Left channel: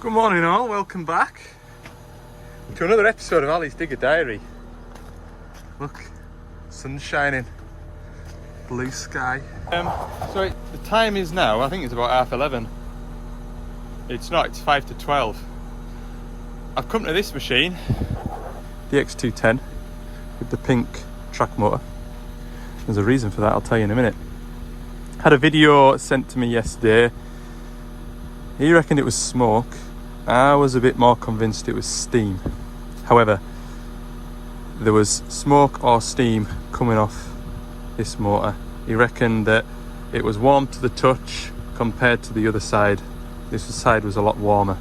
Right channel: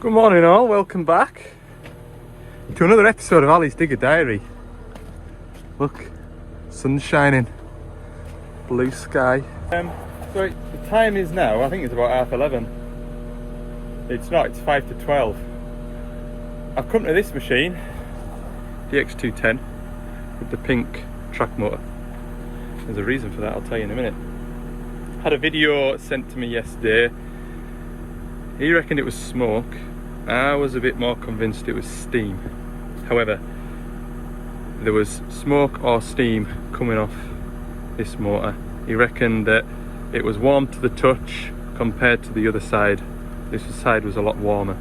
Good morning all, welcome back to another episode of Ali's Digger Diary. Look, sun's shining, blue sky. So the time is now, I think it's about 11:30. It's not, it's 5 to 12. I've come to this machine, the X210 with the pink track motor. There's a reason for that, I'll tell you in a minute. Had a video sent to me yesterday. He reckoned it was smoke. I was a bit more convinced it was steam. However, there was smoke or steam coming off this motor. He reckoned that it was warm to the touch compared to the other side. This side was a lot warmer.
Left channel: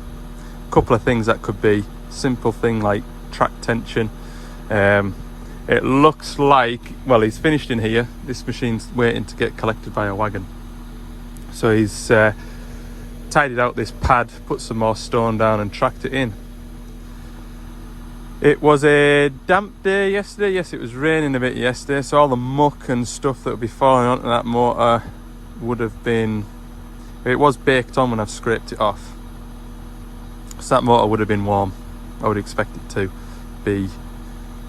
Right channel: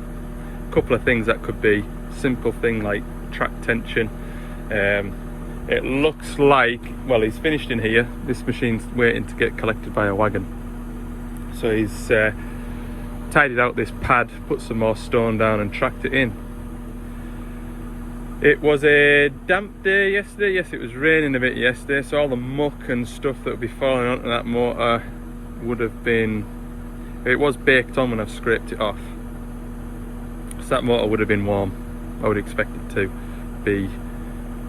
A couple of things that could be. Simple thing like track tension. It looks like, well, he's finished in here. This machine's waiting to get collected by a wagon. So he's tidied out this pad, put some more stone down and tracked it in. It was a damp day yesterday. Yes, it was raining a bit yesterday, so all the muck and stuff that would be falling onto that motor would have been, it was baked on when I've scraped it off. So that motor would have been warm. I would expect it to be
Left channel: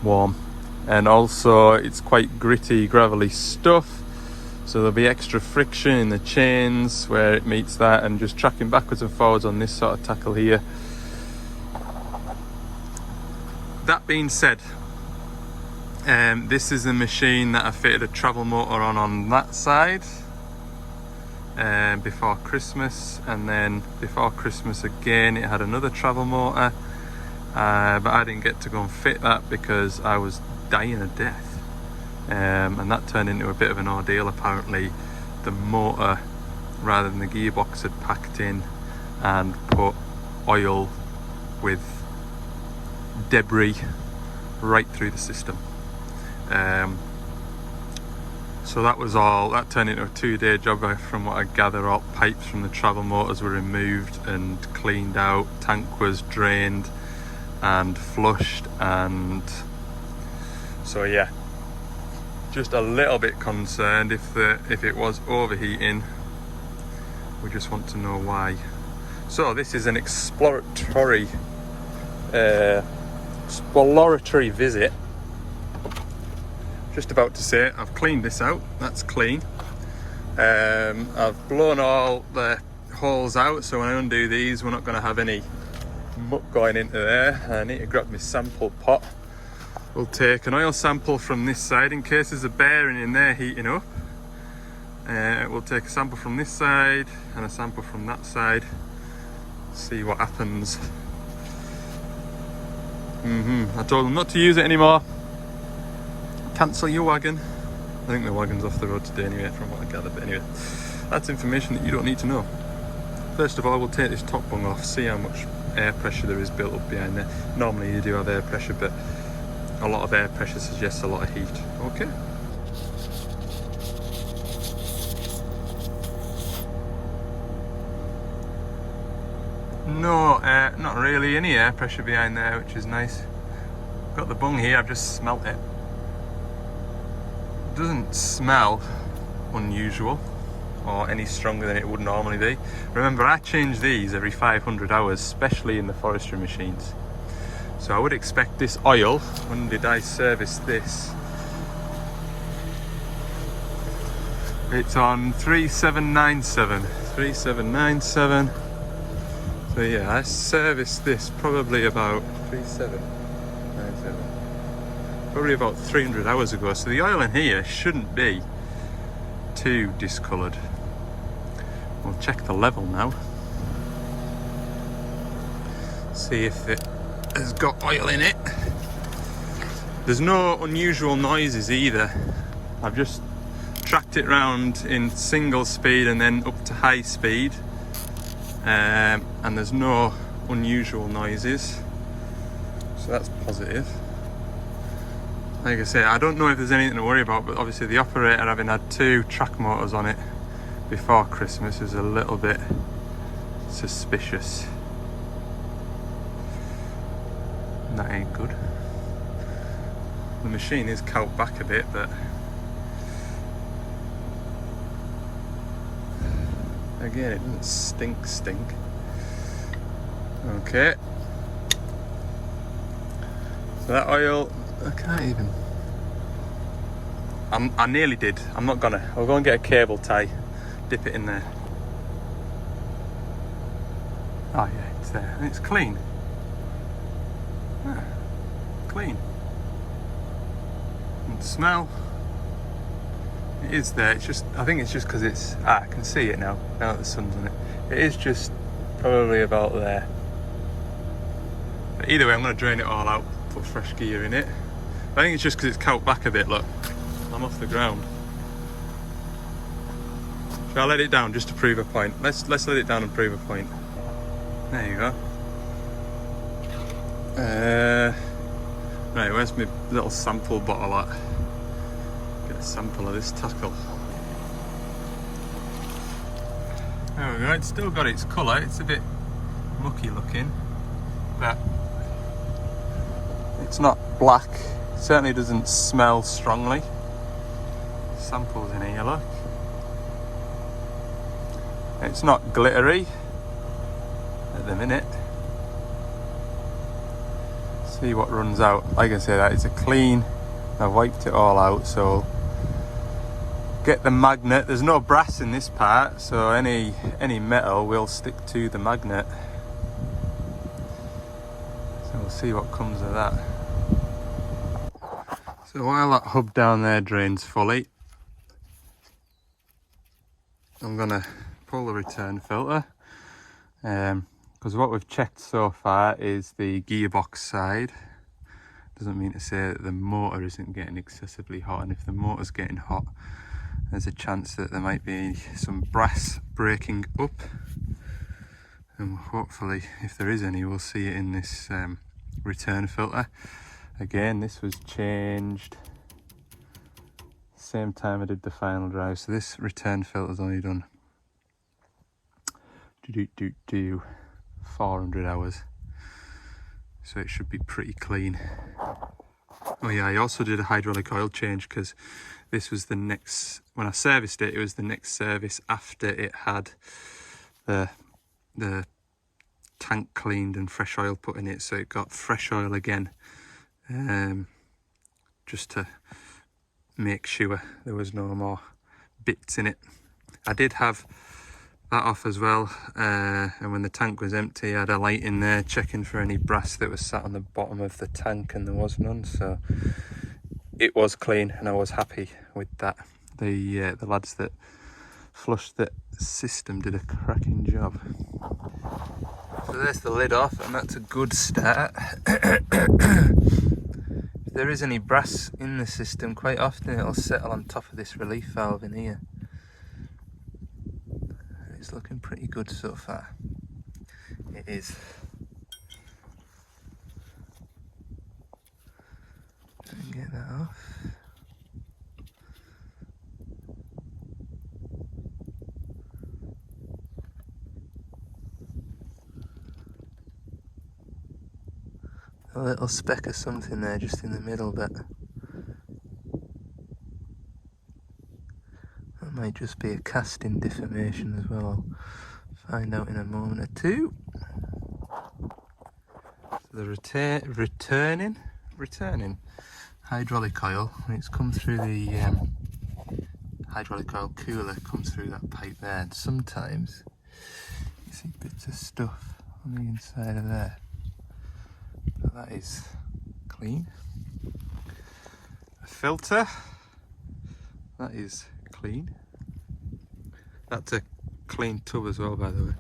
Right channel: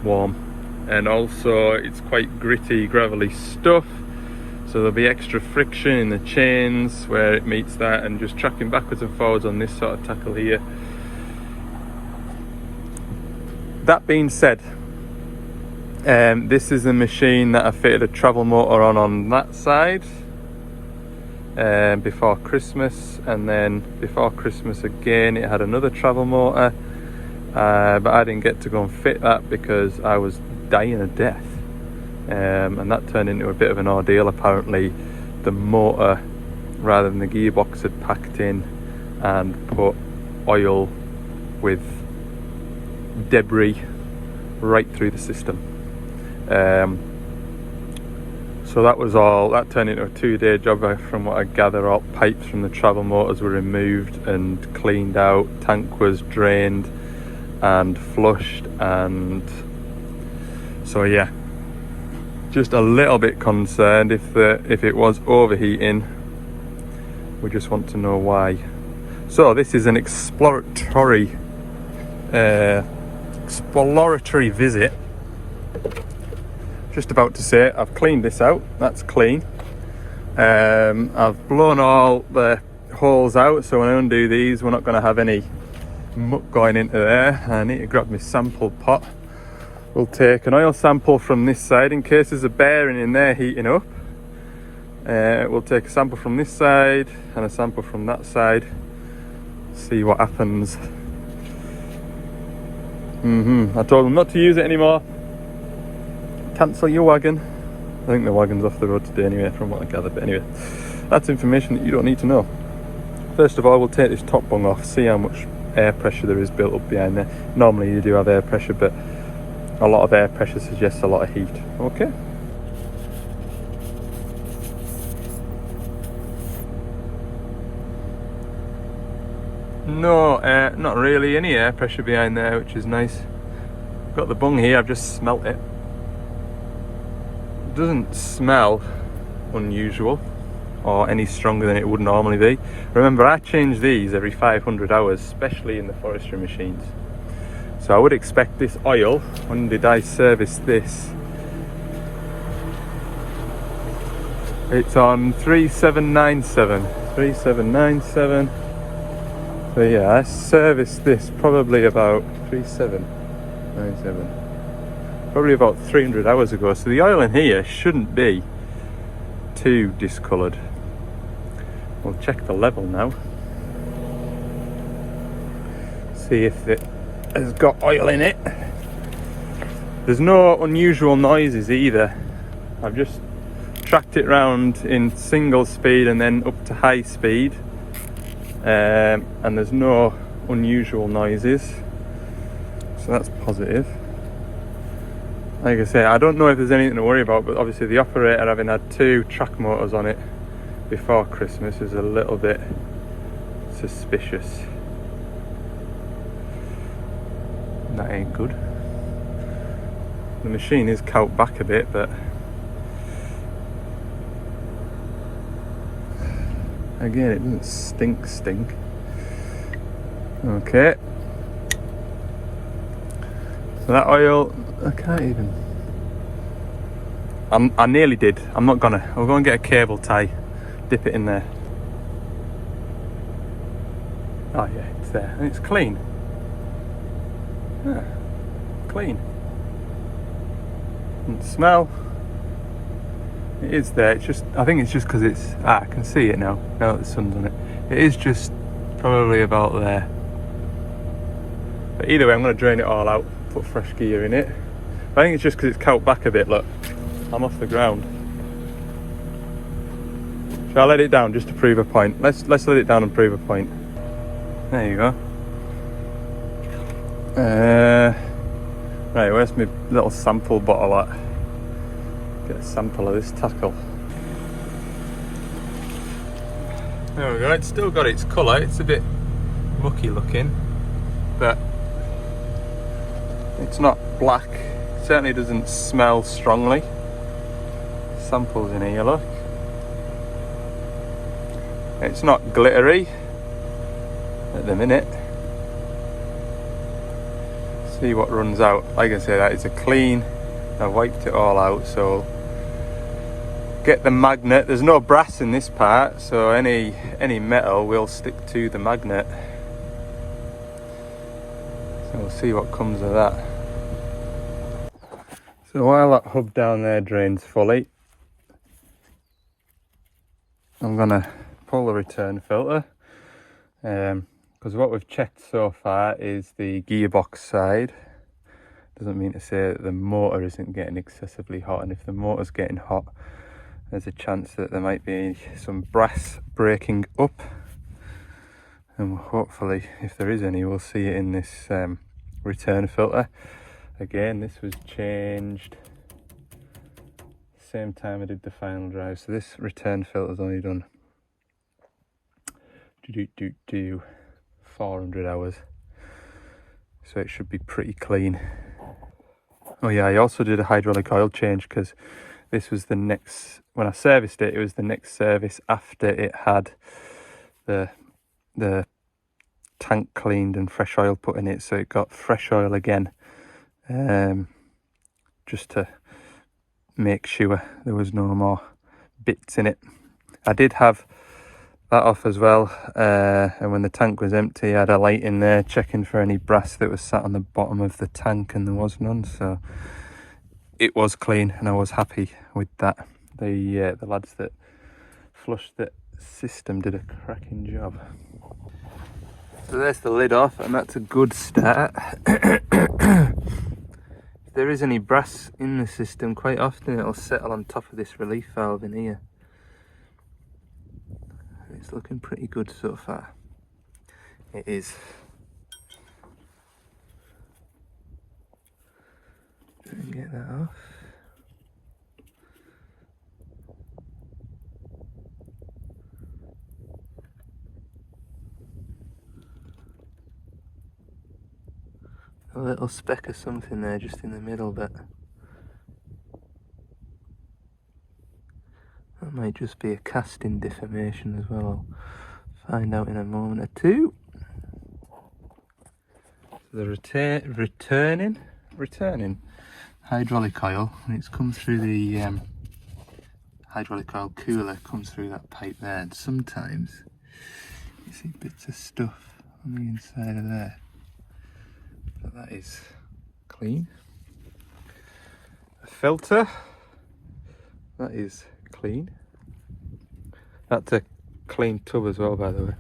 warm. And also it's quite gritty, gravelly stuff. So there'll be extra friction in the chains where it meets that, and just tracking backwards and forwards on this sort of tackle here. That being said, this is the machine that I fitted a travel motor on that side before Christmas, and then before Christmas again it had another travel motor, but I didn't get to go and fit that because I was dying of death. And that turned into a bit of an ordeal. Apparently the motor, rather than the gearbox, had packed in and put oil with debris right through the system. So that was all, that turned into a 2-day job. From what I gather, all pipes from the travel motors were removed and cleaned out, tank was drained and flushed, and so yeah, just a little bit concerned if it was overheating. We just want to know why. So this is an exploratory visit. Just about to say, I've cleaned this out. That's clean. I've blown all the holes out, so when I undo these, we're not going to have any muck going into there. I need to grab my sample pot. We'll take an oil sample from this side in case there's a bearing in there heating up. We'll take a sample from this side and a sample from that side. See what happens. I told them not to use it anymore. Cancel your wagon. I think the wagon's off the road today anyway, from what I gathered. But anyway, that's information that you don't need to know. First of all, we'll take this top bung off, see how much air pressure there is built up behind there. Normally you do have air pressure, but a lot of air pressure suggests a lot of heat. Okay. No, not really any air pressure behind there, which is nice. Got the bung here, I've just smelt it. It doesn't smell unusual or any stronger than it would normally be. Remember, I change these every 500 hours, especially in the forestry machines. So I would expect this oil, when did I service this? It's on 3797. 3797. So yeah, I serviced this probably about 3797. Probably about 300 hours ago. So the oil in here shouldn't be too discoloured. We'll check the level now. See if it has got oil in it. There's no unusual noises either. I've just tracked it round in single speed and then up to high speed, and there's no unusual noises, so that's positive. Like I say, I don't know if there's anything to worry about, but obviously the operator, having had 2 track motors on it before Christmas, is a little bit suspicious. That ain't good. The machine is cowed back a bit, but again, it doesn't stink. Okay. So that oil, I can't even. I nearly did. I'm not gonna. We're gonna get a cable tie, dip it in there. Oh yeah, it's there, and it's clean. Yeah, clean. And the smell. It is there. It's just. I think it's just because it's. I can see it now. Now that the sun's on it. It is just probably about there. But either way, I'm gonna drain it all out. Put fresh gear in it. I think it's just because it's cout back a bit. Look, I'm off the ground. Shall I let it down just to prove a point? Let's let it down and prove a point. There you go. Right, where's my little sample bottle at? Get a sample of this tackle. There we go. It's still got its colour. It's a bit mucky looking, but it's not black. It certainly doesn't smell strongly. Samples in here, look. It's not glittery at the minute. See what runs out. Like I said, it's a clean. I wiped it all out, so get the magnet. There's no brass in this part, so any metal will stick to the magnet. So we'll see what comes of that. So while that hub down there drains fully, I'm gonna pull the return filter, because what we've checked so far is the gearbox side. Doesn't mean to say that the motor isn't getting excessively hot, and if the motor's getting hot, there's a chance that there might be some brass breaking up, and hopefully, if there is any, we'll see it in this return filter. Again, this was changed same time I did the final drive, so this return filter's only done 400 hours, so it should be pretty clean. Oh yeah, I also did a hydraulic oil change because this was the next, when I serviced it, it was the next service after it had the tank cleaned and fresh oil put in it, so it got fresh oil again, just to make sure there was no more bits in it. I did have that off as well, and when the tank was empty, I had a light in there checking for any brass that was sat on the bottom of the tank, and there was none, so it was clean and I was happy with that. The lads that flushed the system did a cracking job. So there's the lid off, and that's a good start. If there is any brass in the system, quite often it'll settle on top of this relief valve in here. It's looking pretty good so far. It is. Try and get that off. A little speck of something there just in the middle, but that might just be a casting deformation as well. I'll find out in a moment or two. So the returning hydraulic oil, when it's come through the hydraulic oil cooler, comes through that pipe there, and sometimes you see bits of stuff on the inside of there. But that is clean. The filter, that is clean. That's a clean tub as well, by the way.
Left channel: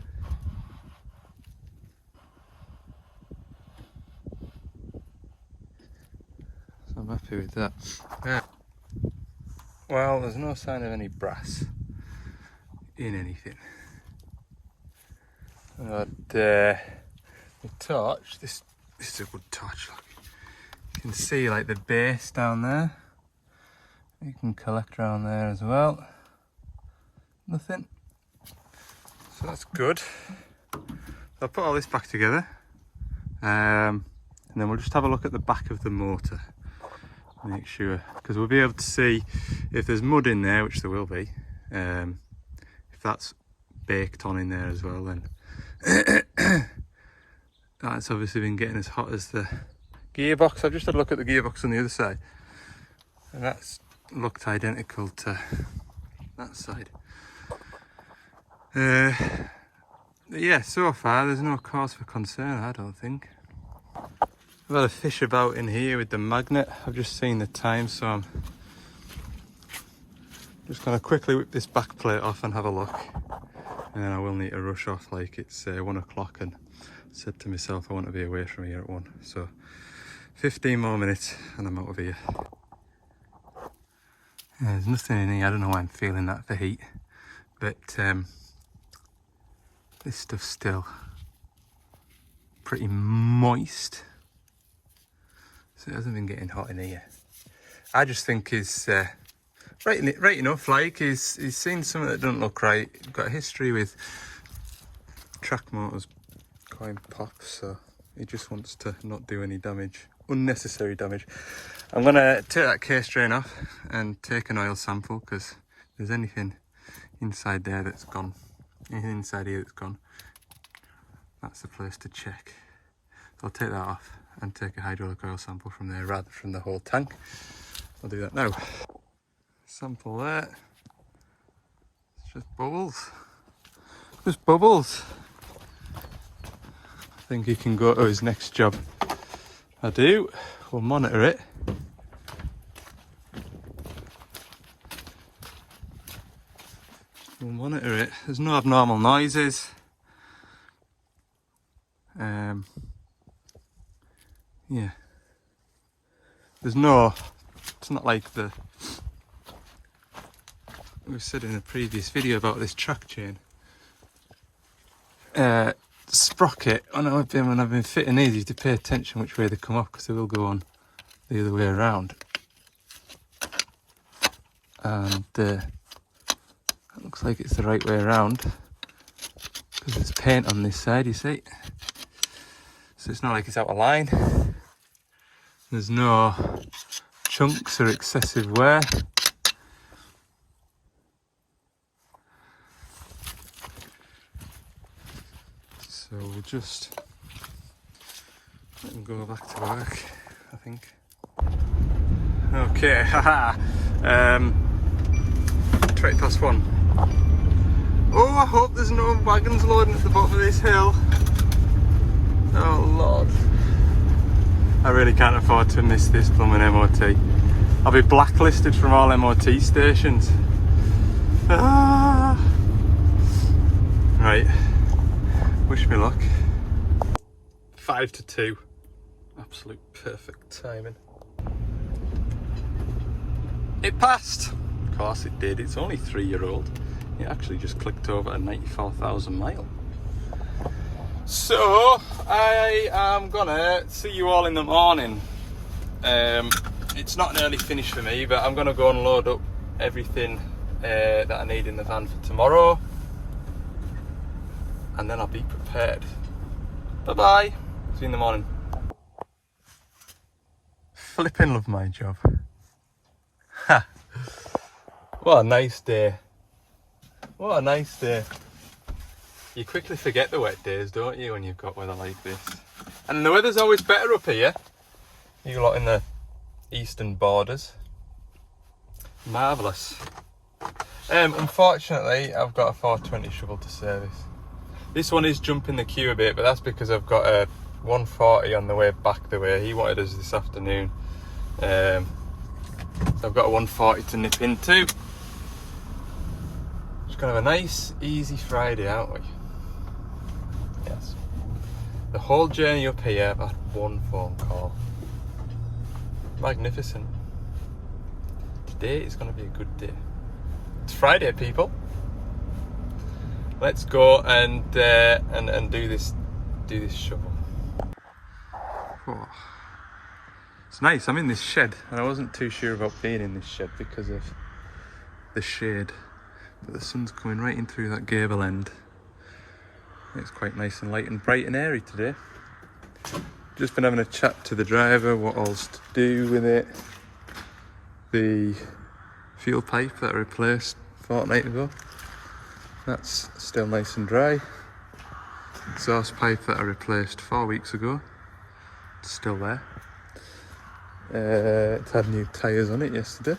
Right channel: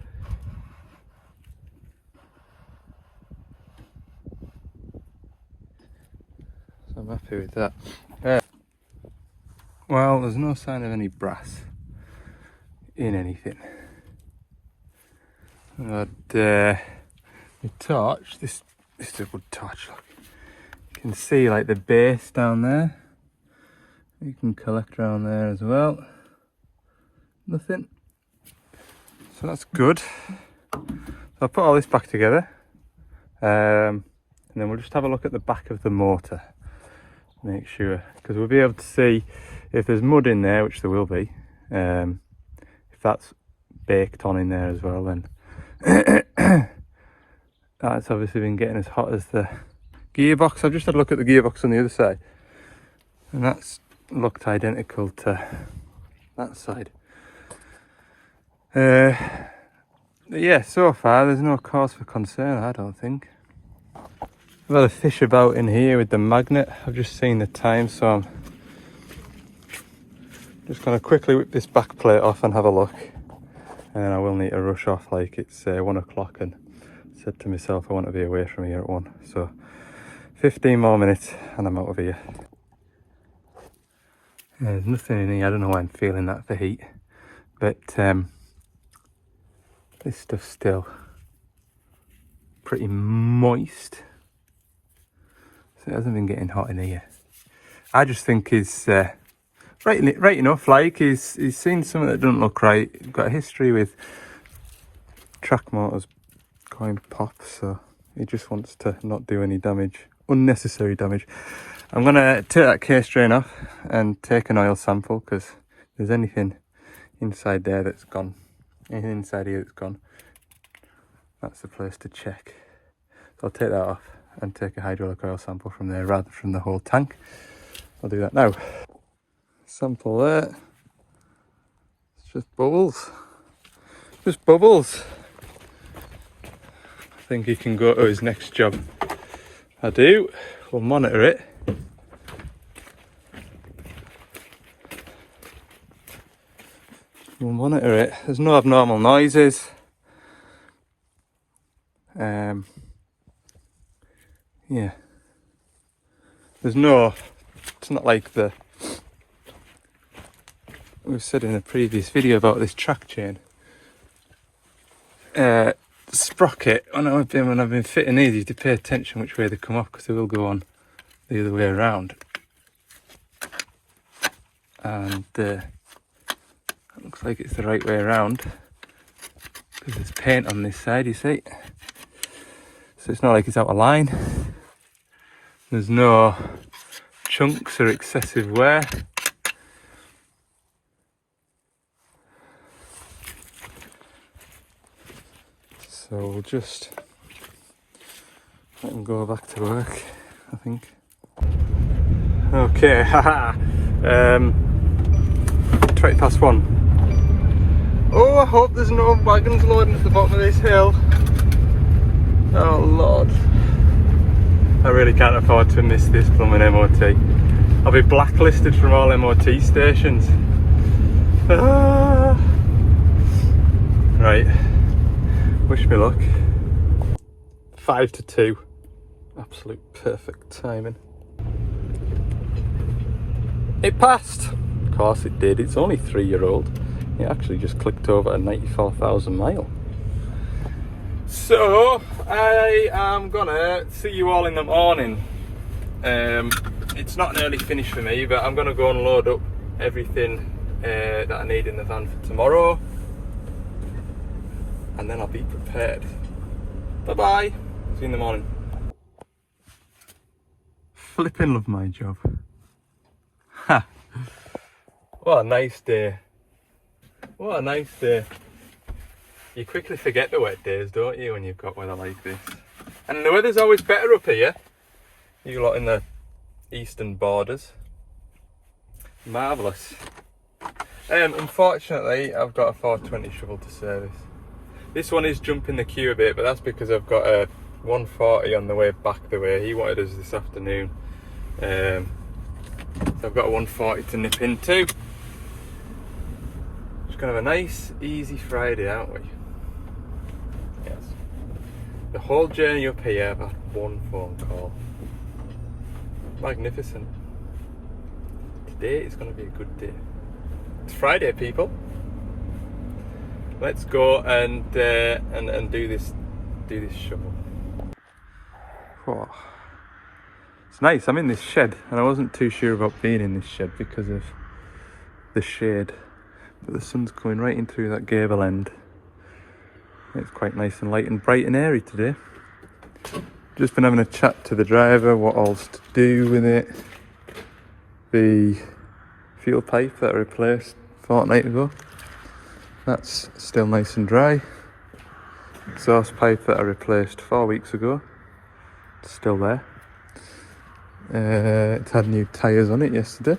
So I'm happy with that. Well, there's no sign of any brass in anything. But the torch, this is a good torch, look. You can see like the base down there. You can collect around there as well. Nothing. So that's good. I'll put all this back together. And then we'll just have a look at the back of the motor. Make sure, because we'll be able to see if there's mud in there, which there will be. If that's baked on in there as well, then That's obviously been getting as hot as the gearbox. I've just had a look at the gearbox on the other side, and that's looked identical to that side. Yeah, so far there's no cause for concern, I don't think. I've had a fish about in here with the magnet. I've just seen the time, so I'm just going to quickly whip this back plate off and have a look. And then I will need to rush off, like it's 1 o'clock, and said to myself I want to be away from here at 1. So 15 more minutes and I'm out of here. Yeah, there's nothing in here. I don't know why I'm feeling that for heat, but this stuff's still pretty moist, so it hasn't been getting hot in here. I just think he's right enough. Like he's seen something that doesn't look right. He's got a history with track motors going pop, so he just wants to not do any damage, unnecessary damage. I'm gonna take that case drain off and take an oil sample, because if there's anything inside there that's gone, anything inside here that's gone, that's the place to check. So I'll take that off and take a hydraulic oil sample from there rather than from the whole tank. I'll do that now. Sample there. It's just bubbles. Just bubbles. I think he can go to his next job. I do. We'll monitor it. We'll monitor it. There's no abnormal noises. Yeah. There's no, it's not like the, we said in a previous video about this track chain. Sprocket, when I've been fitting these, you have to pay attention which way they come off, because they will go on the other way around. And it looks like it's the right way around, because there's paint on this side, you see. So it's not like it's out of line. There's no chunks or excessive wear. So we'll just let him go back to work, I think. Okay, haha. 1:20. Oh, I hope there's no wagons loading at the bottom of this hill. Oh Lord. I really can't afford to miss this blooming MOT. I'll be blacklisted from all MOT stations. Ah. Right. Wish me luck. 5 to 2. Absolute perfect timing. It passed. Of course it did. It's only 3-year-old. It actually just clicked over a 94,000 mile. So I am gonna see you all in the morning. It's not an early finish for me, but I'm gonna go and load up everything that I need in the van for tomorrow, and then I'll be prepared. Bye bye. See you in the morning. Flipping love my job. Ha! What a nice day. What a nice day. You quickly forget the wet days, don't you, when you've got weather like this? And the weather's always better up here. You lot in the eastern borders. Marvellous. Unfortunately, I've got a 420 shovel to service. This one is jumping the queue a bit, but that's because I've got a 140 on the way back the way. He wanted us this afternoon. So I've got a 140 to nip into. Just gonna have a nice, easy Friday, aren't we? Yes. The whole journey up here, I've had one phone call. Magnificent. Today is gonna be a good day. It's Friday, people. Let's go and do this shovel. Oh. It's nice. I'm in this shed, and I wasn't too sure about being in this shed because of the shade, but the sun's coming right in through that gable end. It's quite nice and light and bright and airy today. Just been having a chat to the driver what all's to do with it. The fuel pipe that I replaced a fortnight ago, that's still nice and dry. exhaust pipe that I replaced 4 weeks ago. It's still there. It's had new tyres on it yesterday.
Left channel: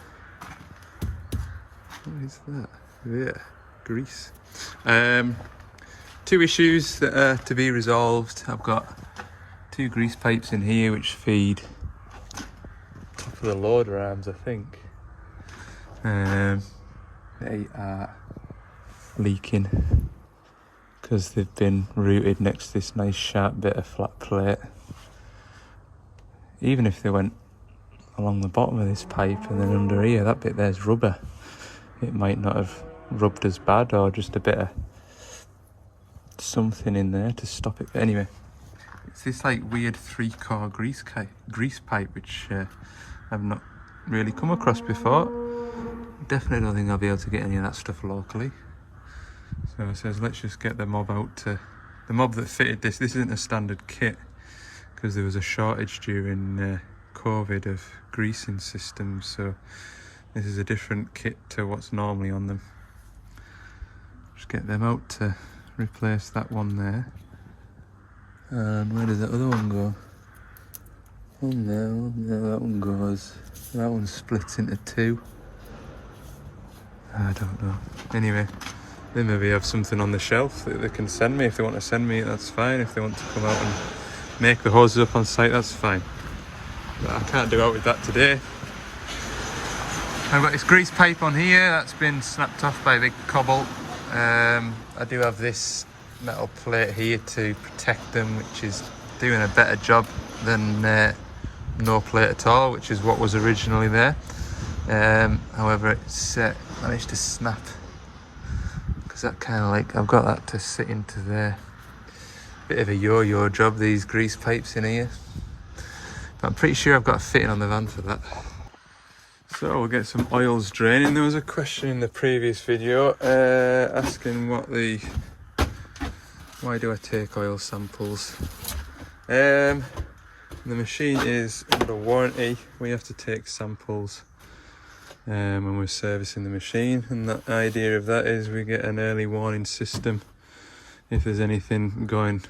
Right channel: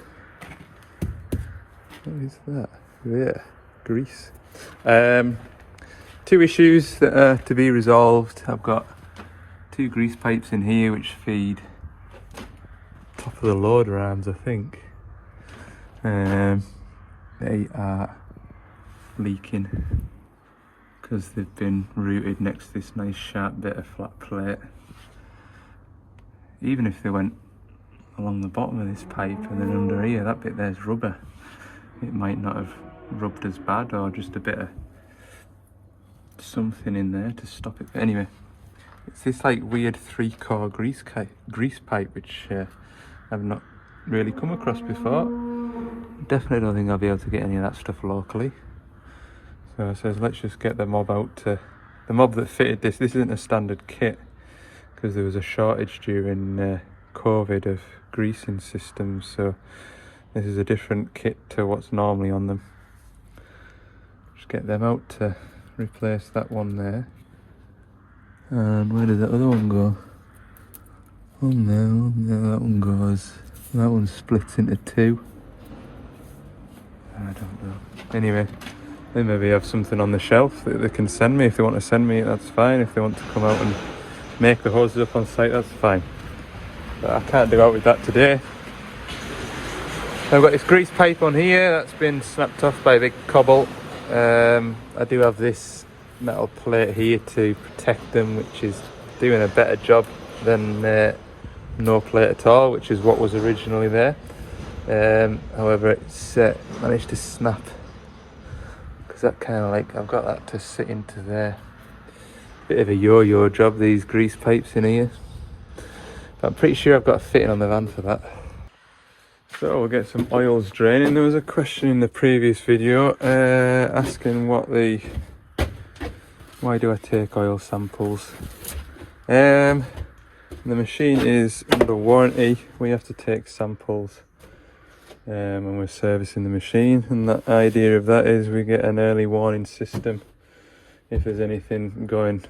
What is that? Yeah, grease. 2 issues that are to be resolved. I've got 2 grease pipes in here which feed top of the loader arms, I think. They are leaking because they've been routed next to this nice sharp bit of flat plate. Even if they went along the bottom of this pipe and then under here, that bit there's rubber. It might not have rubbed as bad, or just a bit of something in there to stop it. But anyway, it's this like weird 3-core grease pipe which I've not really come across before. Definitely don't think I'll be able to get any of that stuff locally. So it says let's just get the mob out to... The mob that fitted this isn't a standard kit because there was a shortage during COVID of greasing systems, so this is a different kit to what's normally on them. Just get them out to replace that one there. And where does that other one go? Oh no, that one goes. That one splits into 2. I don't know. Anyway, they maybe have something on the shelf that they can send me. If they want to send me it, that's fine. If they want to come out and make the hoses up on site, that's fine. But I can't do out with that today. I've got this grease pipe on here that's been snapped off by a big cobble. I do have this metal plate here to protect them, which is doing a better job than no plate at all, which is what was originally there. However, it's managed to snap because that kind of like, I've got that to sit into there. Bit of a yo-yo job, these grease pipes in here. But I'm pretty sure I've got a fitting on the van for that. So we'll get some oils draining. There was a question in the previous video asking why do I take oil samples? The machine is under warranty. We have to take samples when we're servicing the machine, and the idea of that is we get an early warning system if there's anything going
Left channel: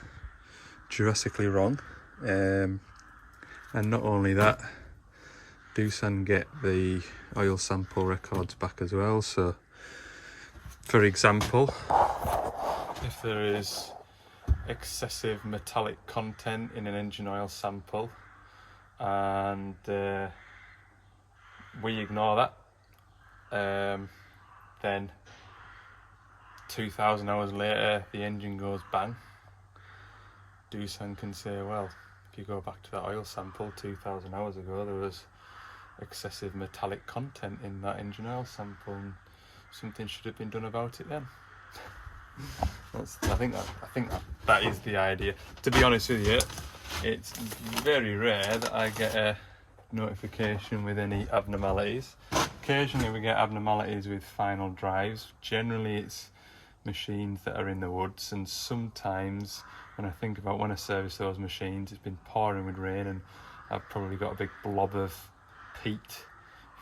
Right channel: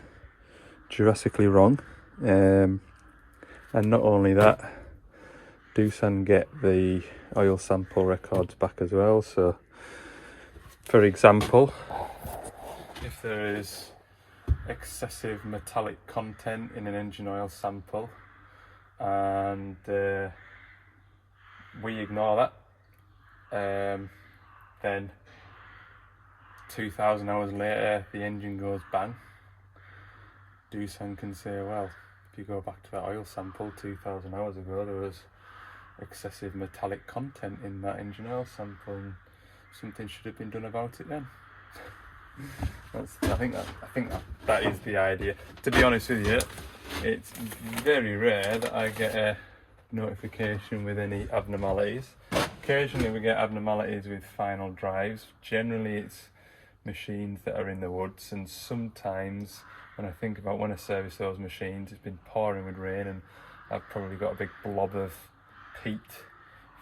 drastically wrong. And not only that, Doosan get the oil sample records back as well. So for example, if there is excessive metallic content in an engine oil sample and we ignore that, then 2,000 hours later the engine goes bang. Doosan can say, well, if you go back to that oil sample 2,000 hours ago, there was excessive metallic content in that engine oil sample and something should have been done about it then. I think that is the idea. To be honest with you, it's very rare that I get a notification with any abnormalities. Occasionally we get abnormalities with final drives. Generally it's machines that are in the woods, and sometimes when I think about when I service those machines, it's been pouring with rain and I've probably got a big blob of peat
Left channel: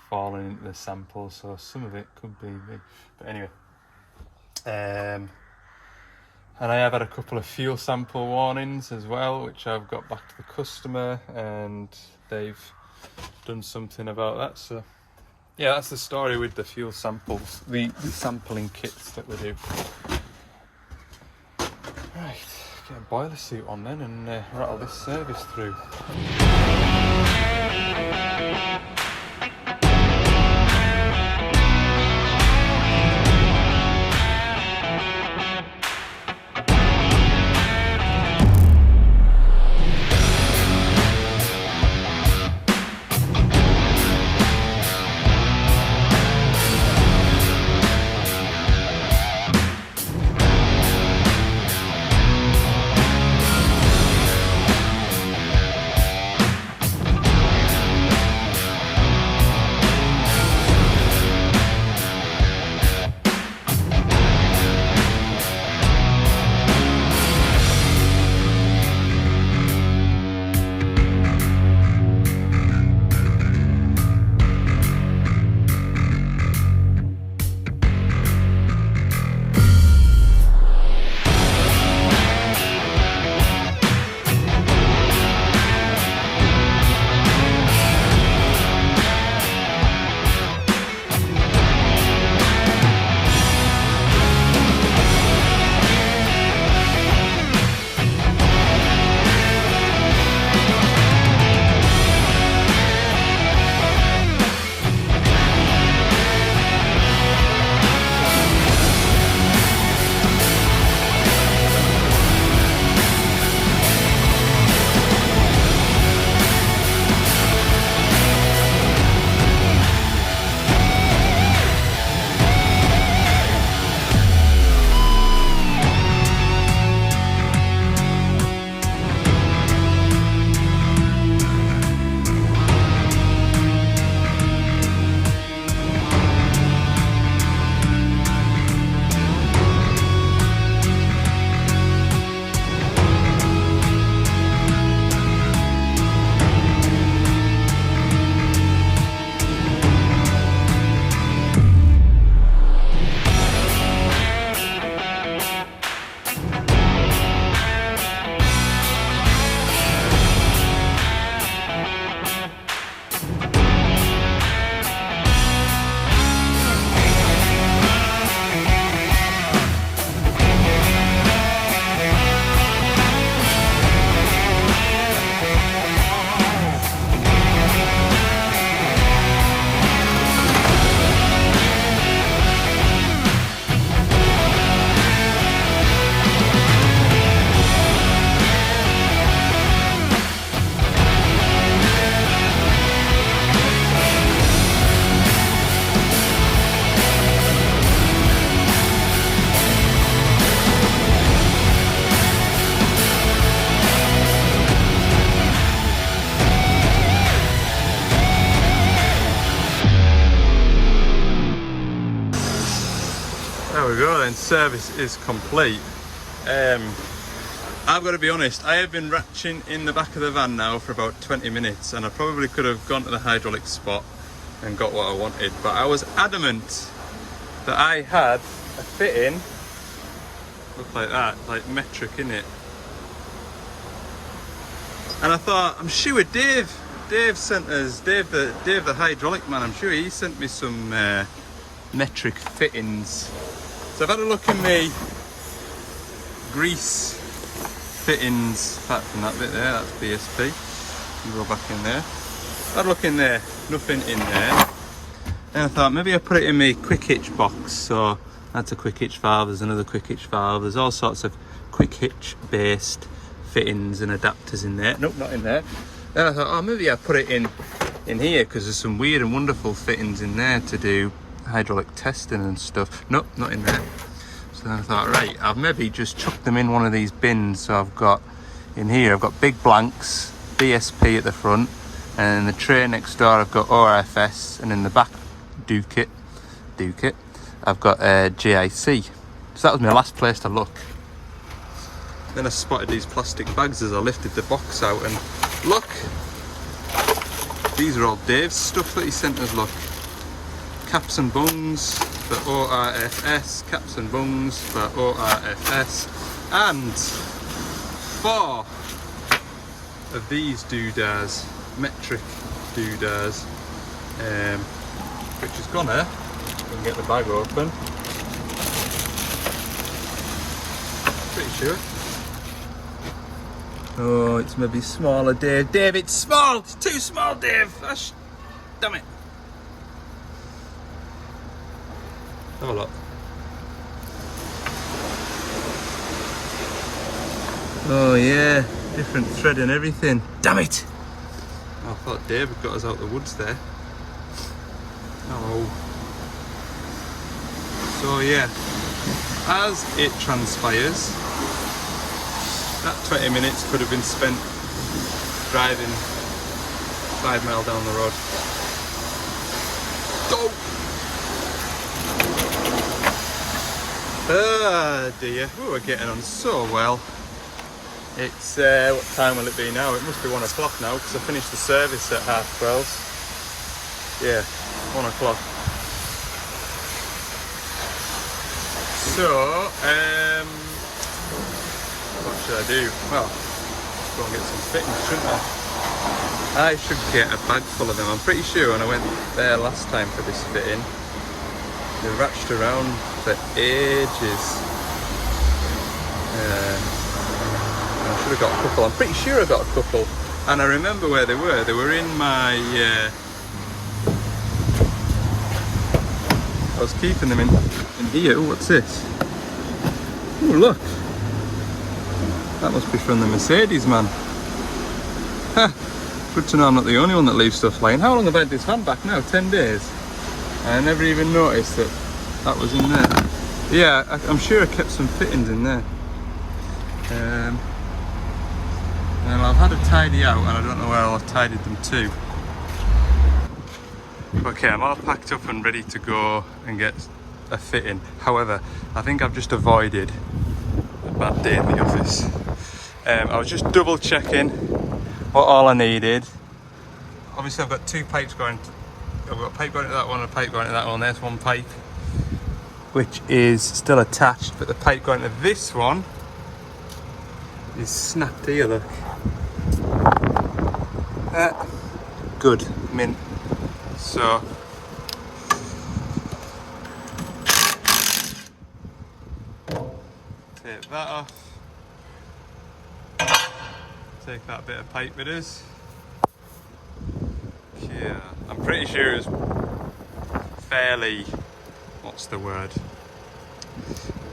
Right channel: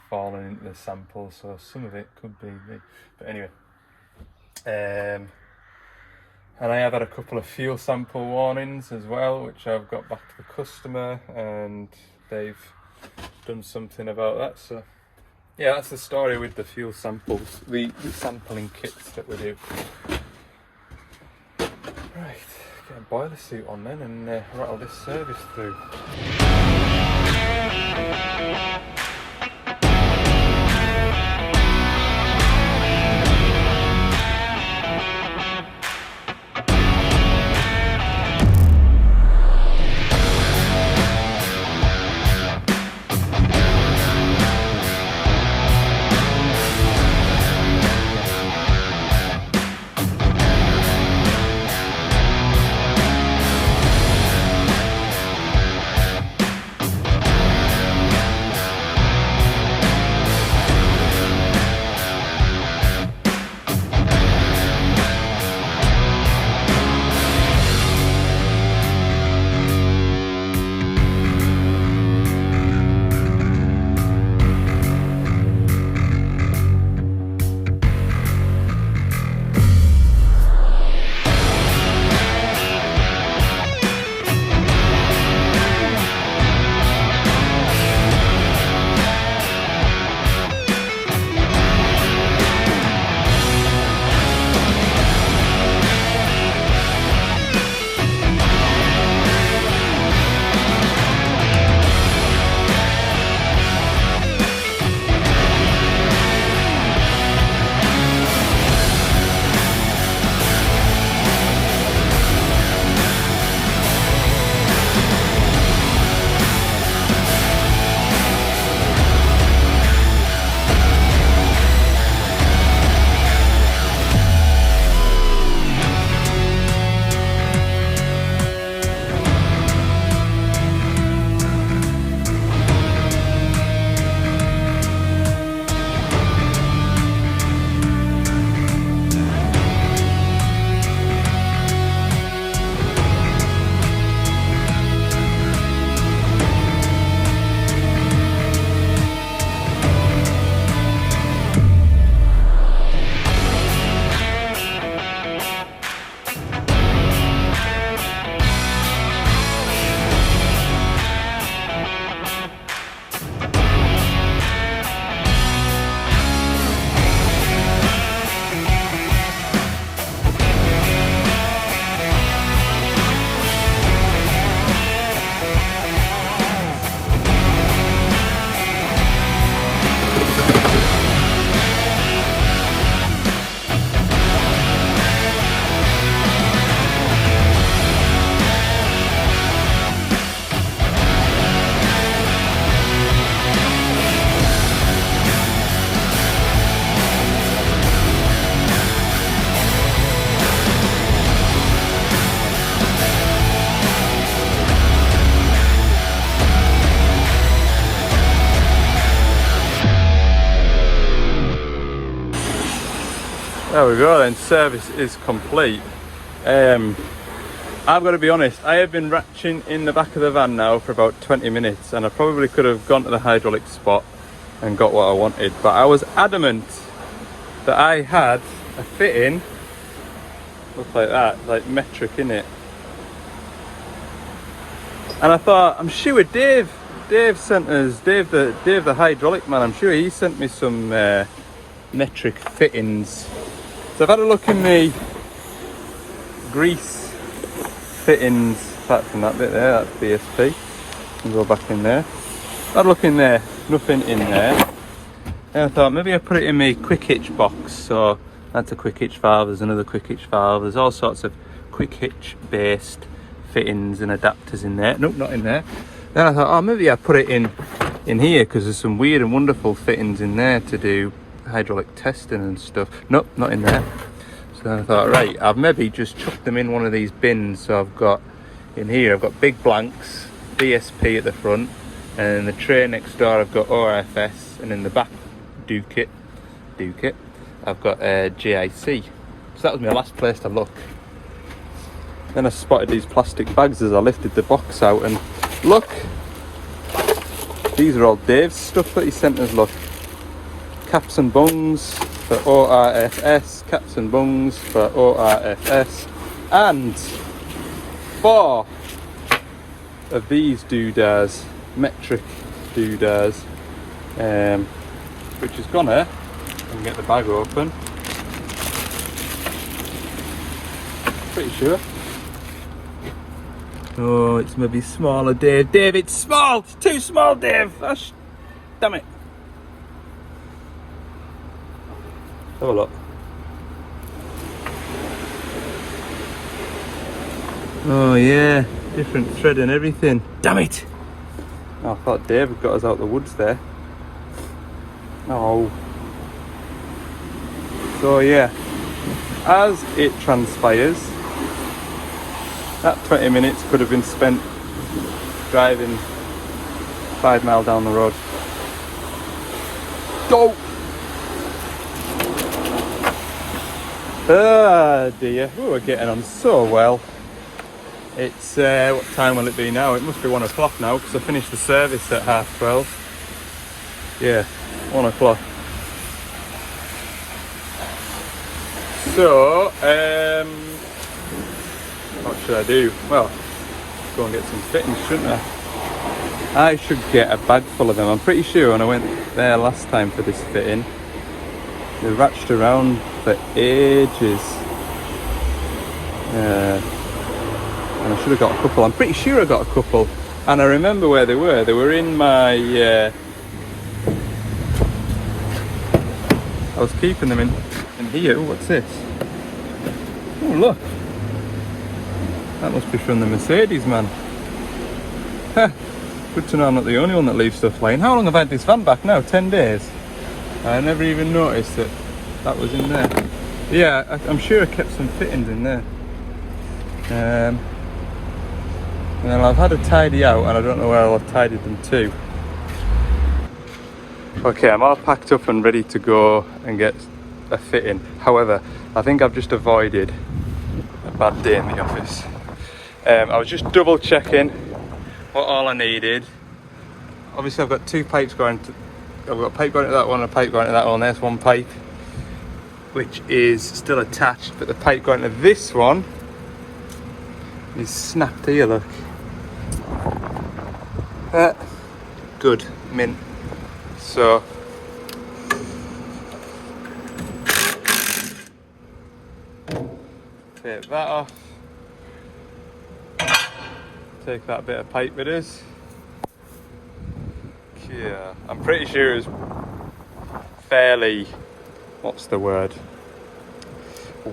falling into the sample, so some of it could be me. But anyway, and I have had a couple of fuel sample warnings as well, which I've got back to the customer and they've done something about that. So yeah, that's the story with the fuel samples, the sampling kits that we do. Right, get a boiler suit on then and rattle this service through. There we go then, service is complete. I've got to be honest, I have been ratcheting in the back of the van now for about 20 minutes and I probably could have gone to the hydraulic spot and got what I wanted, but I was adamant that I had a fitting, look like that, like metric in it. And I thought, I'm sure Dave sent us, Dave the hydraulic man, I'm sure he sent me some metric fittings. So I've had a look in the grease fittings, apart from that bit there, that's BSP. Can go back in there. I've had a look in there, nothing in there. Then I thought maybe I put it in my quick hitch box. So that's a quick hitch valve, there's another quick hitch valve, there's all sorts of quick hitch based fittings and adapters in there. Nope, not in there. Then I thought, oh, maybe I put it in here because there's some weird and wonderful fittings in there to do hydraulic testing and stuff. Nope, not in there. So then I thought, right, I've maybe just chucked them in one of these bins. So I've got in here, I've got big blanks, BSP at the front, and in the tray next door I've got ORFS, and in the back Duke it, I've got GIC. So that was my last place to look. Then I spotted these plastic bags as I lifted the box out, and look, these are all Dave's stuff that he sent us. Look, caps and bungs for ORFS, caps and bungs for ORFS, and 4 of these doodads, metric doodads, which is gonna, let me get the bag open, pretty sure. Oh, it's maybe smaller, Dave. Dave, it's small! It's too small, Dave! Damn it. Have a look. Oh yeah, different thread and everything. Damn it! Oh, I thought Dave had got us out the woods there. No. So yeah, as it transpires, that 20 minutes could have been spent driving 5 miles down the road. Go! Ah dear, we were getting on so well. It's, what time will it be now? It must be 1 o'clock now because I finished the service at 12:30. Yeah, 1 o'clock. So, what should I do? Well, go and get some fittings, shouldn't I? I should get a bag full of them. I'm pretty sure when I went there last time for this fitting, we ratched around for ages. And I should have got a couple. I'm pretty sure I got a couple. And I remember where they were. They were in my... I was keeping them in here. What's this? Oh, look. That must be from the Mercedes, man. Huh. Good to know I'm not the only one that leaves stuff lying. How long have I had this van back now? 10 days? I never even noticed that that was in there. Yeah, I'm sure I kept some fittings in there. And then I've had a tidy out and I don't know where I've tidied them to. Okay, I'm all packed up and ready to go and get a fitting. However, I think I've just avoided a bad day in the office. I was just double checking what all I needed. Obviously I've got 2 pipes going to, I've got a pipe going to that one and a pipe going to that one. There's 1 pipe which is still attached, but the pipe going to this one is snapped here, look. Good, mint. So take that off. Take that bit of pipe it is. Yeah, I'm pretty sure it was fairly, what's the word,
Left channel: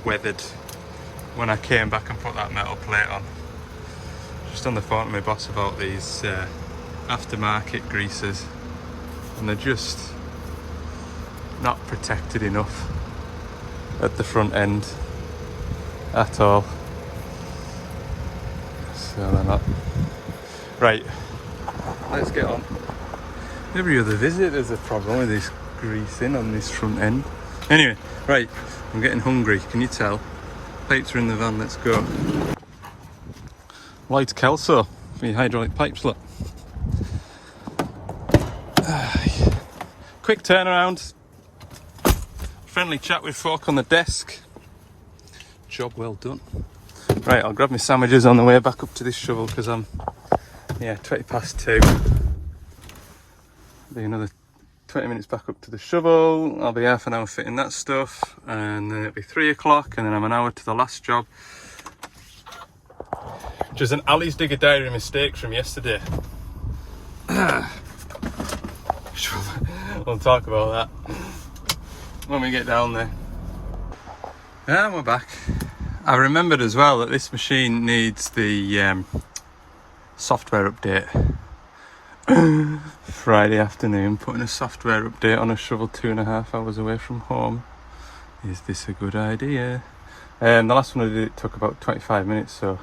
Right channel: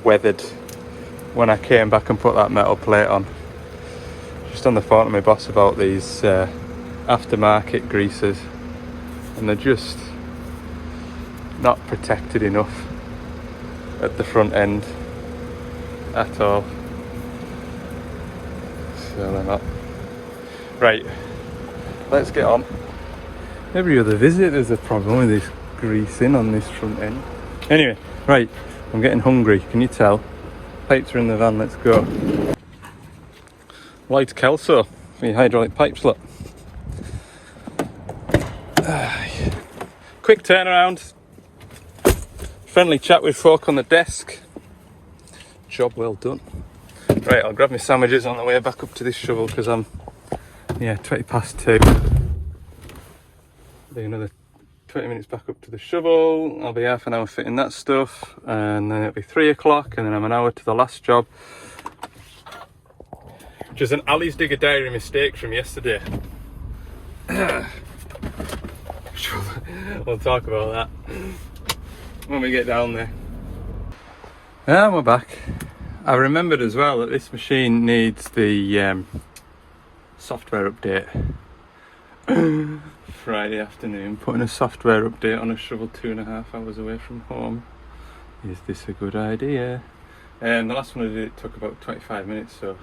weathered when I came back and put that metal plate on. Just on the phone to my boss about these aftermarket greasers, and they're just not protected enough at the front end at all. So they're not. Right, let's get on. Every other visit there's a problem with this greasing on this front end. Anyway, right, I'm getting hungry, can you tell? Pipes are in the van, let's go. White Kelso for your hydraulic pipes, look. Quick turnaround. Friendly chat with folk on the desk. Job well done. Right, I'll grab my sandwiches on the way back up to this shovel because I'm 20 past 2. Be another 20 minutes back up to the shovel. I'll be half an hour fitting that stuff, and then it'll be 3 o'clock, and then I'm an hour to the last job, which is an Ali's Digger Diary mistake from yesterday. We'll talk about that when we get down there. And we're back. I remembered as well that this machine needs the software update. Friday afternoon, putting a software update on a shovel 2.5 hours away from home. Is this a good idea? The last one I did, it took about 25 minutes, so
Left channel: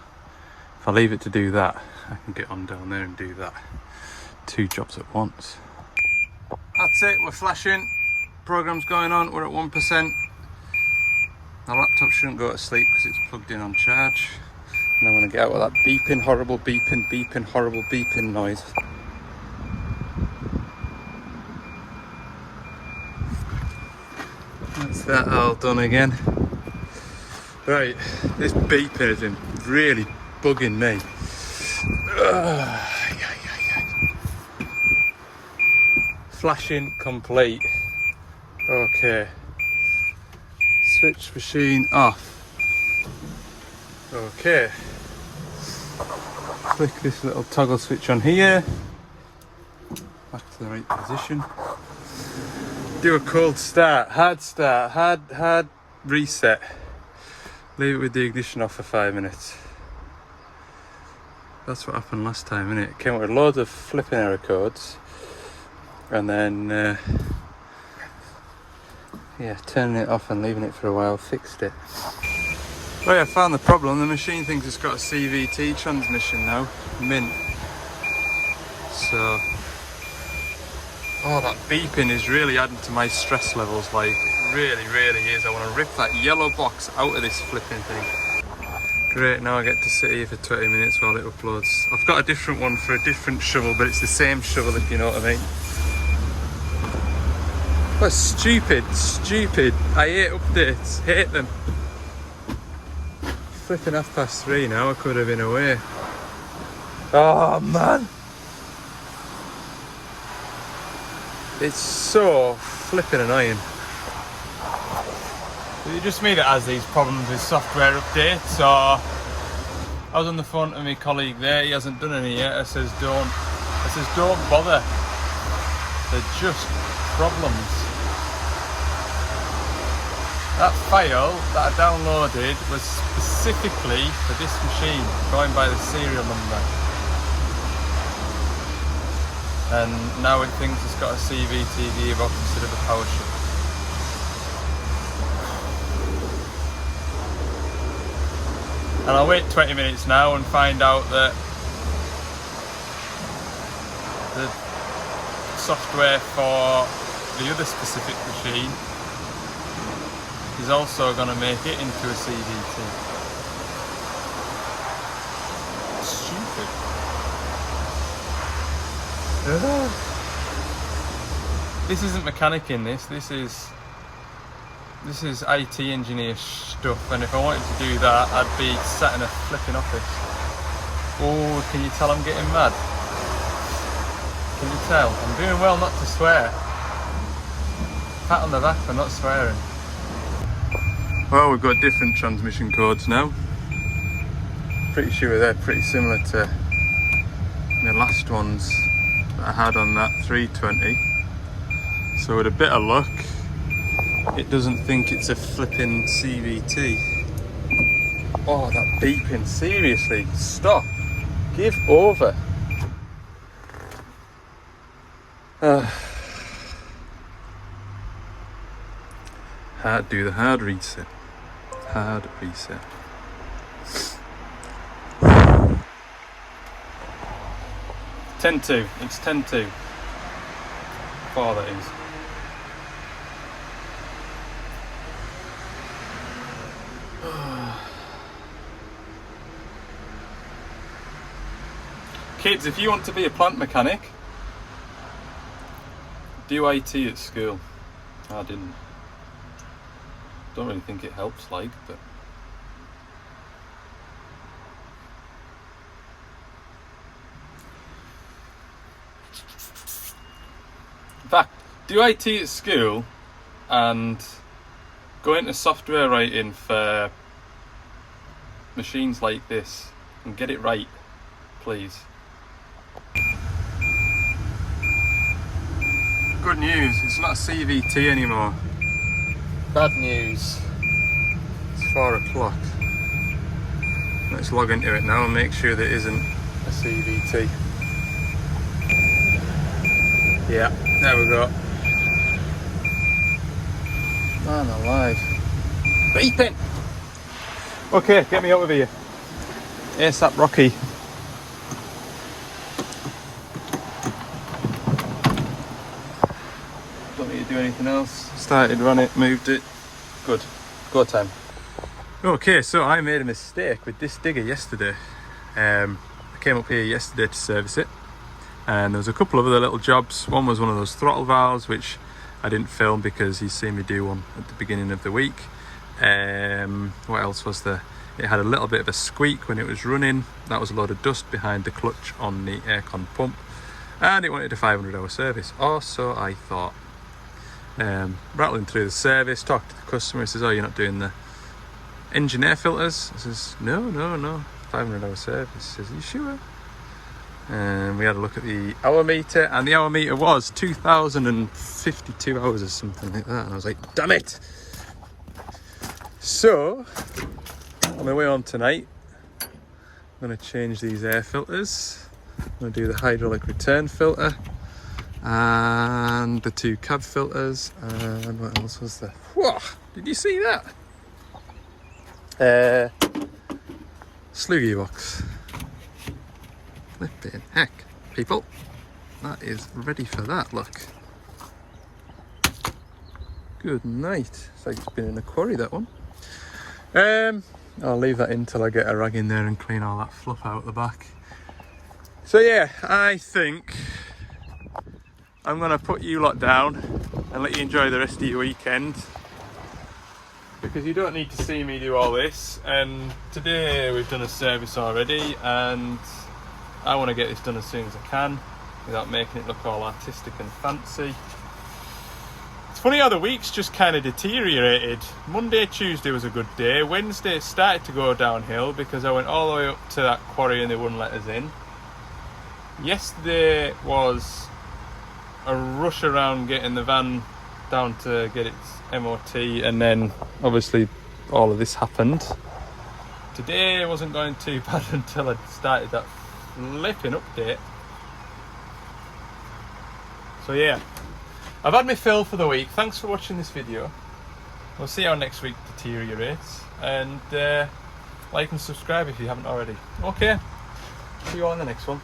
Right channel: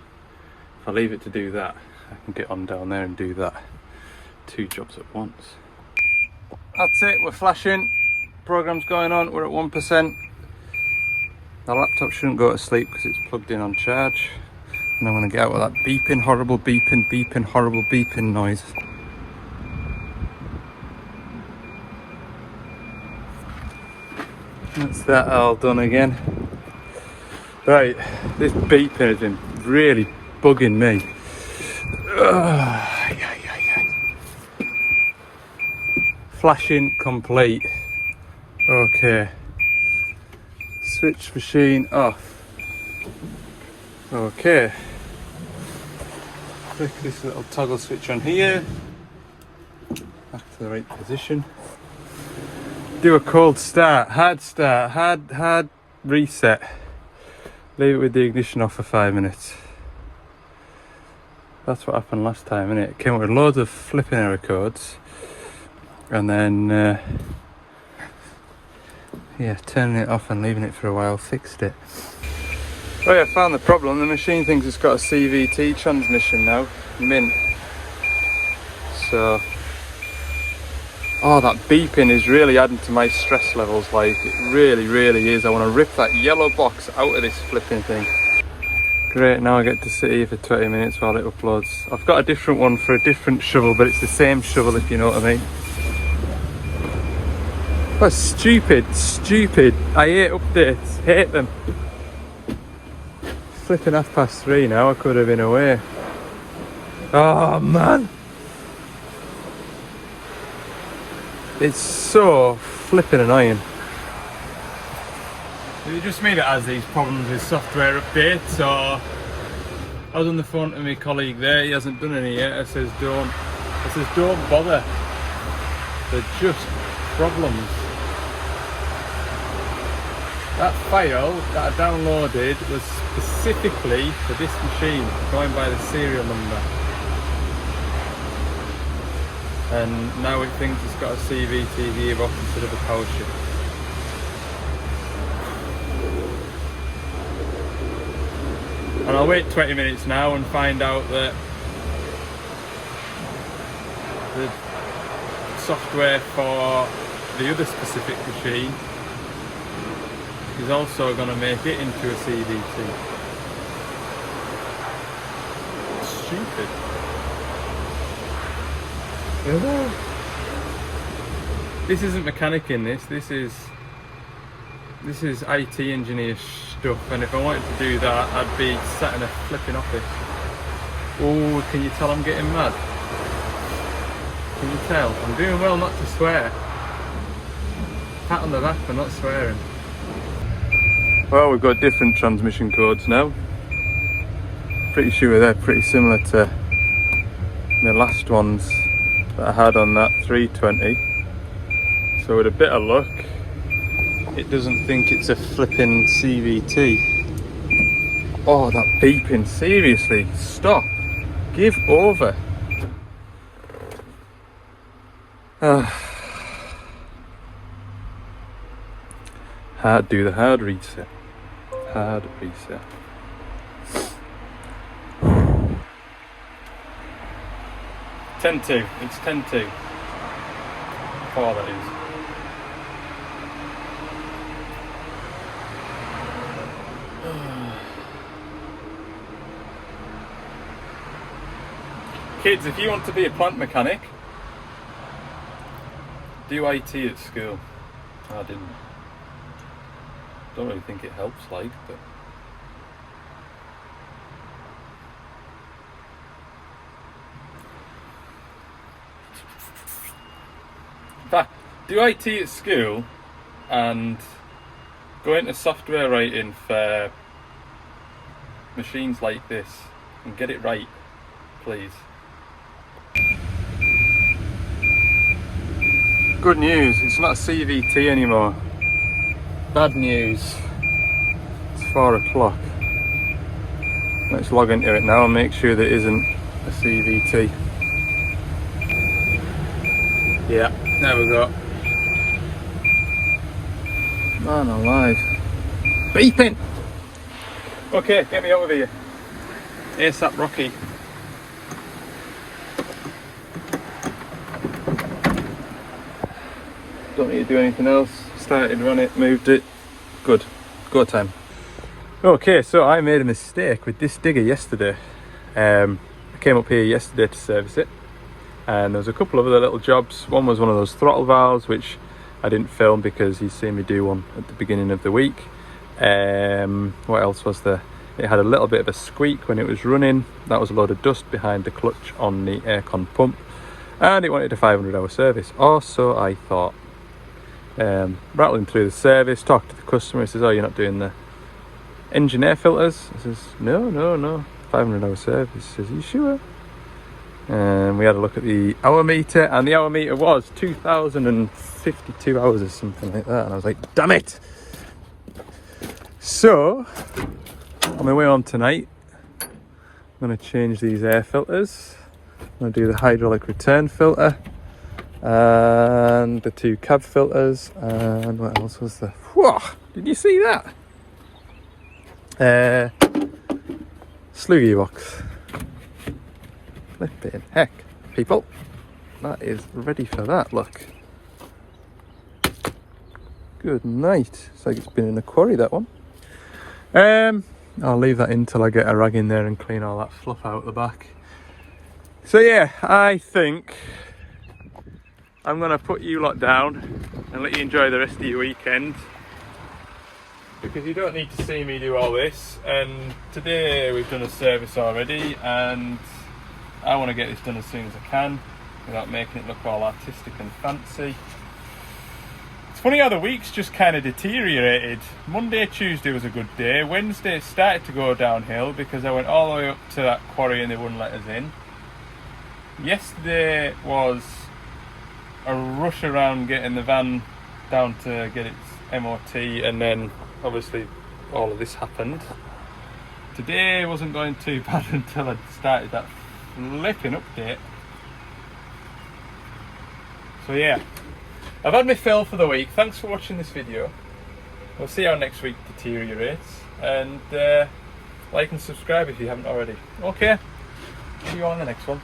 if I leave it to do that, I can get on down there and do that. 2 jobs at once. That's it, we're flashing. Program's going on, we're at 1%. The laptop shouldn't go to sleep because it's plugged in on charge. And I'm going to get out with that beeping, horrible beeping, horrible beeping noise. That's that all done again. Right, this beeping has been really bugging me. Flashing complete. Okay. Switch machine off. Okay. Click this little toggle switch on here. Back to the right position. Do a cold start, hard reset. Leave it with the ignition off for 5 minutes. That's what happened last time, innit? It came with loads of flipping error codes. And then, turning it off and leaving it for a while fixed it. Oh yeah, I found the problem. The machine thinks it's got a CVT transmission now, mint. So, oh, that beeping is really adding to my stress levels, like, it really is. I want to rip that yellow box out of this flipping thing. Great, now I get to sit here for 20 minutes while it uploads. I've got a different one for a different shovel, but it's the same shovel, if you know what I mean. Oh, stupid. I hate updates, hate them. Flipping 3:30 now, I could have been away. Oh man. It's so flipping annoying. Is it just me that has these problems with software updates, or I was on the phone to my colleague there, he hasn't done any yet. I says don't bother. They're just problems. That file that I downloaded was specifically for this machine, going by the serial number. And now it thinks it's got a CVT gearbox instead of a power shift. And I'll wait 20 minutes now and find out that the software for the other specific machine is also going to make it into a CVT. Stupid. This isn't mechanic in this. This is IT engineer stuff, and if I wanted to do that, I'd be sat in a flipping office. Oh, can you tell I'm getting mad? Can you tell? I'm doing well not to swear. Pat on the back for not swearing. Well, we've got different transmission codes now. Pretty sure they're pretty similar to my last ones that I had on that 320. So with a bit of luck, it doesn't think it's a flipping CVT. Oh, that beeping, seriously, stop. Give over. Do the hard reset. Hard reset. 10-2. It's 10-2. 4, that is. Kids, if you want to be a plant mechanic, do IT at school. I didn't. Don't really think it helps, like, but. In fact, do IT at school and go into software writing for machines like this and get it right, please. Good news, it's not a CVT anymore. Bad news. It's 4 o'clock. Let's log into it now and make sure there isn't a CVT. Yeah, there we go. Man alive. Beeping! Okay, get me out of here. ASAP Rocky. Don't need to do anything else. Started, run it, moved it. Good. Go time. Okay, so I made a mistake with this digger yesterday. I came up here yesterday to service it, and there was a couple of other little jobs. One was one of those throttle valves, which I didn't film because he's seen me do one at the beginning of the week. What else was there? It had a little bit of a squeak when it was running. That was a load of dust behind the clutch on the aircon pump, and it wanted a 500-hour service, or so I thought. Rattling through the service, talked to the customer. He says, "Oh, you're not doing the engine air filters?" I says, no, 500-hour service. He says, "Are you sure?" And we had a look at the hour meter, and the hour meter was 2,052 hours or something like that. And I was like, damn it! So, on my way home tonight, I'm going to change these air filters. I'm going to do the hydraulic return filter and the 2 cab filters, and what else was there? Whoa! Did you see that? Slew gearbox. Flipping heck, people. That is ready for that, look. Good night. It's like it's been in the quarry, that one. I'll leave that in till I get a rag in there and clean all that fluff out the back. So yeah, I think I'm gonna put you lot down and let you enjoy the rest of your weekend, because you don't need to see me do all this. And today we've done a service already, and I want to get this done as soon as I can without making it look all artistic and fancy. It's funny how the week's just kind of deteriorated. Monday, Tuesday was a good day. Wednesday started to go downhill because I went all the way up to that quarry and they wouldn't let us in. Yesterday was a rush around getting the van down to get its MOT, and then obviously all of this happened. Today wasn't going too bad until I started that flipping update. So yeah, I've had my fill for the week. Thanks for watching this video. We'll see how next week deteriorates, and like and subscribe if you haven't already. Okay, see you on the next one.